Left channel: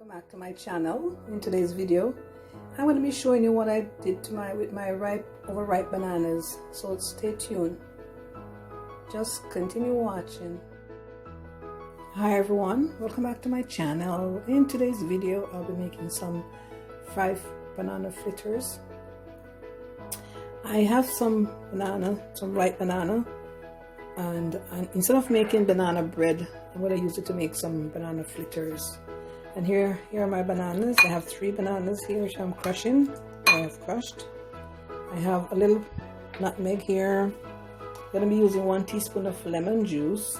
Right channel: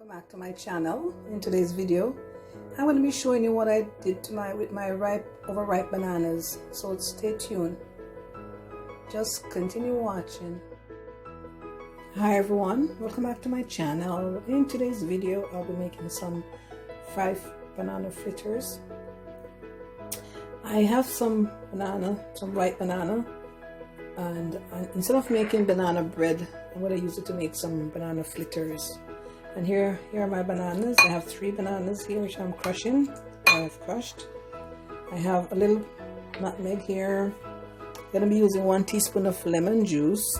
Welcome back to my channel. In today's video I'm going to be showing you what I did to my overripe bananas, so stay tuned, just continue watching. Hi everyone, welcome back to my channel. In today's video I'll be making some fried banana fritters. I have some ripe banana, and instead of making banana bread, I'm going to use it to make some banana fritters. And here are my bananas. I have 3 bananas here which I'm crushing. I have crushed. I have a little nutmeg here. I'm going to be using 1 teaspoon of lemon juice.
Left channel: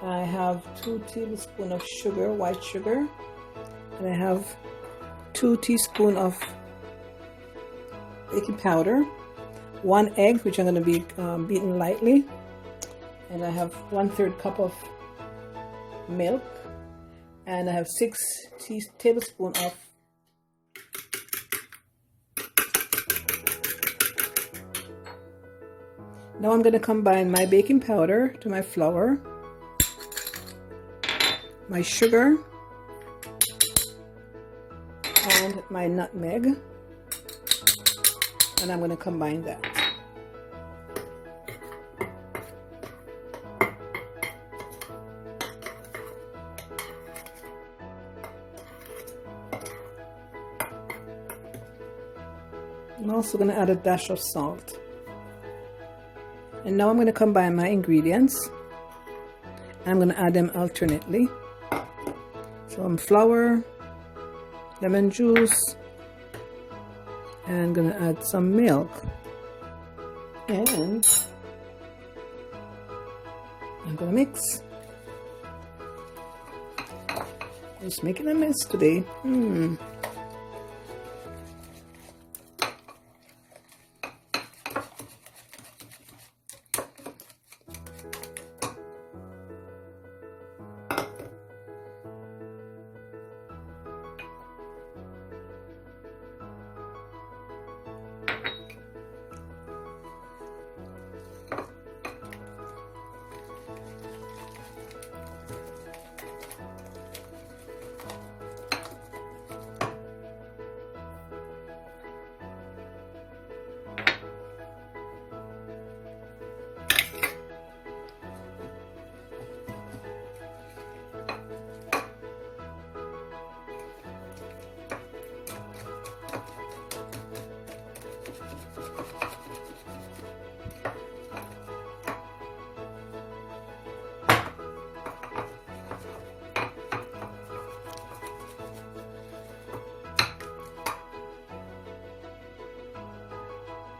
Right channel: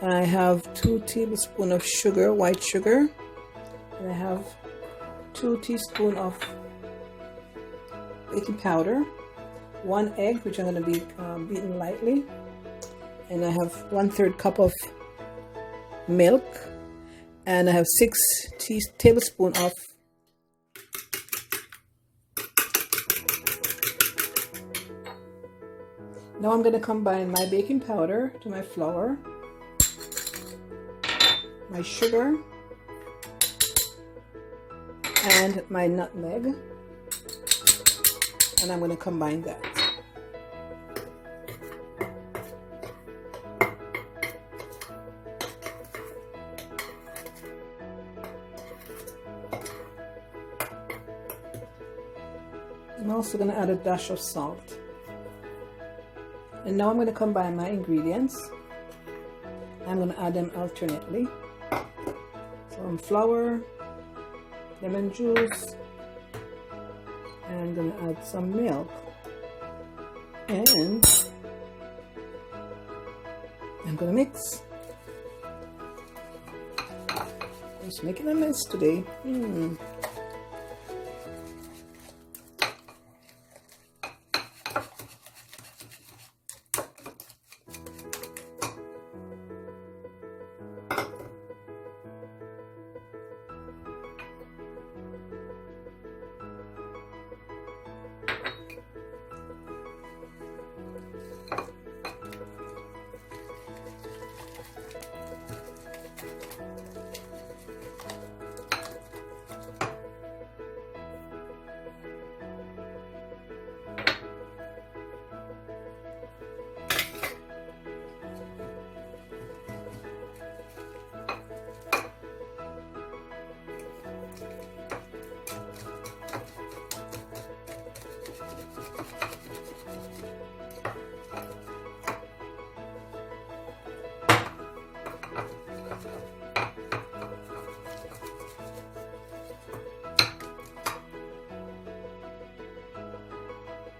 And I have 2 tablespoons of sugar, white sugar. And I have 2 teaspoons of baking powder. 1 egg, which I'm going to be beaten lightly. And I have 1/3 cup of milk. And I have 6 tablespoons of Now I'm going to combine my baking powder to my flour, my sugar, and my nutmeg, and I'm going to combine that. I'm also going to add a dash of salt. And now I'm going to combine my ingredients. I'm going to add them alternately. Some flour, lemon juice, and I'm going to add some milk. And I'm going to mix. Just making a mess today.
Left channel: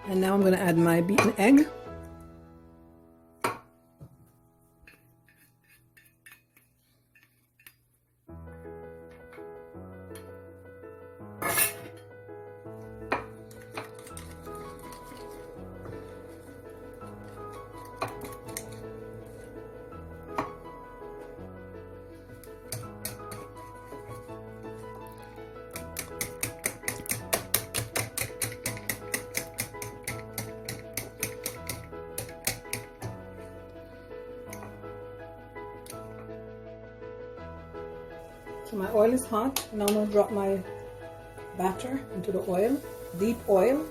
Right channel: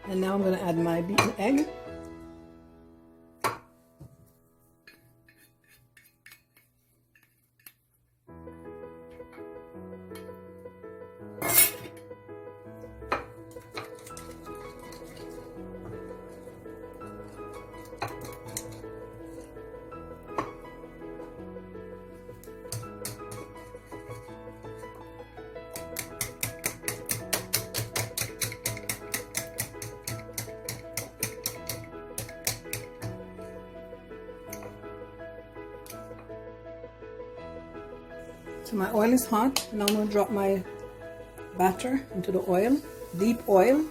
And now I'm going to add my beaten egg. So my oil is hot. Now I'm going to drop my batter into the oil, deep oil.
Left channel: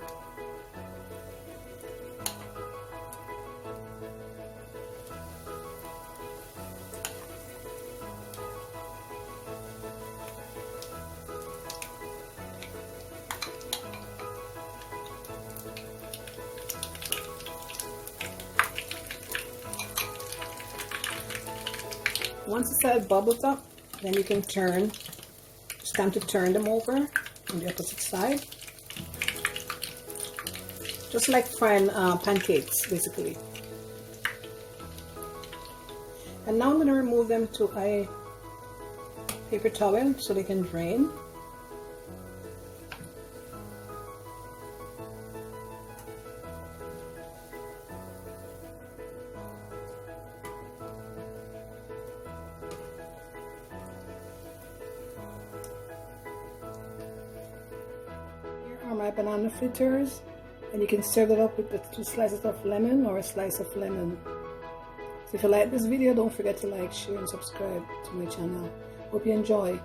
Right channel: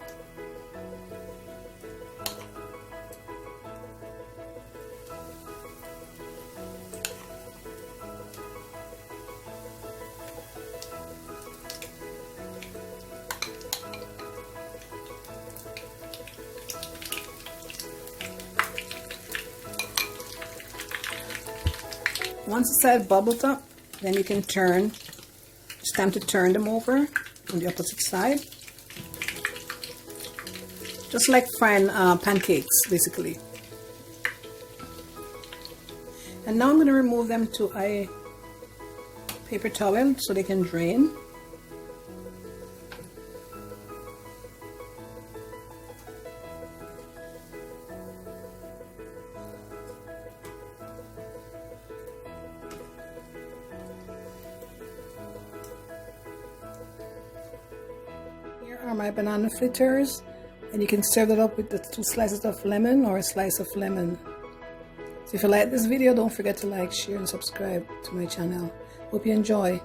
Once the side bubbles up, then you can turn. It's time to turn them over on the opposite side. Just like frying pancakes, basically. And now I'm going to remove them to a paper towel so they can drain. Are my banana fritters, and you can serve it up with the 2 slices of lemon or a slice of lemon. So if you like this video, don't forget to like, share and subscribe to my channel. Hope you enjoy.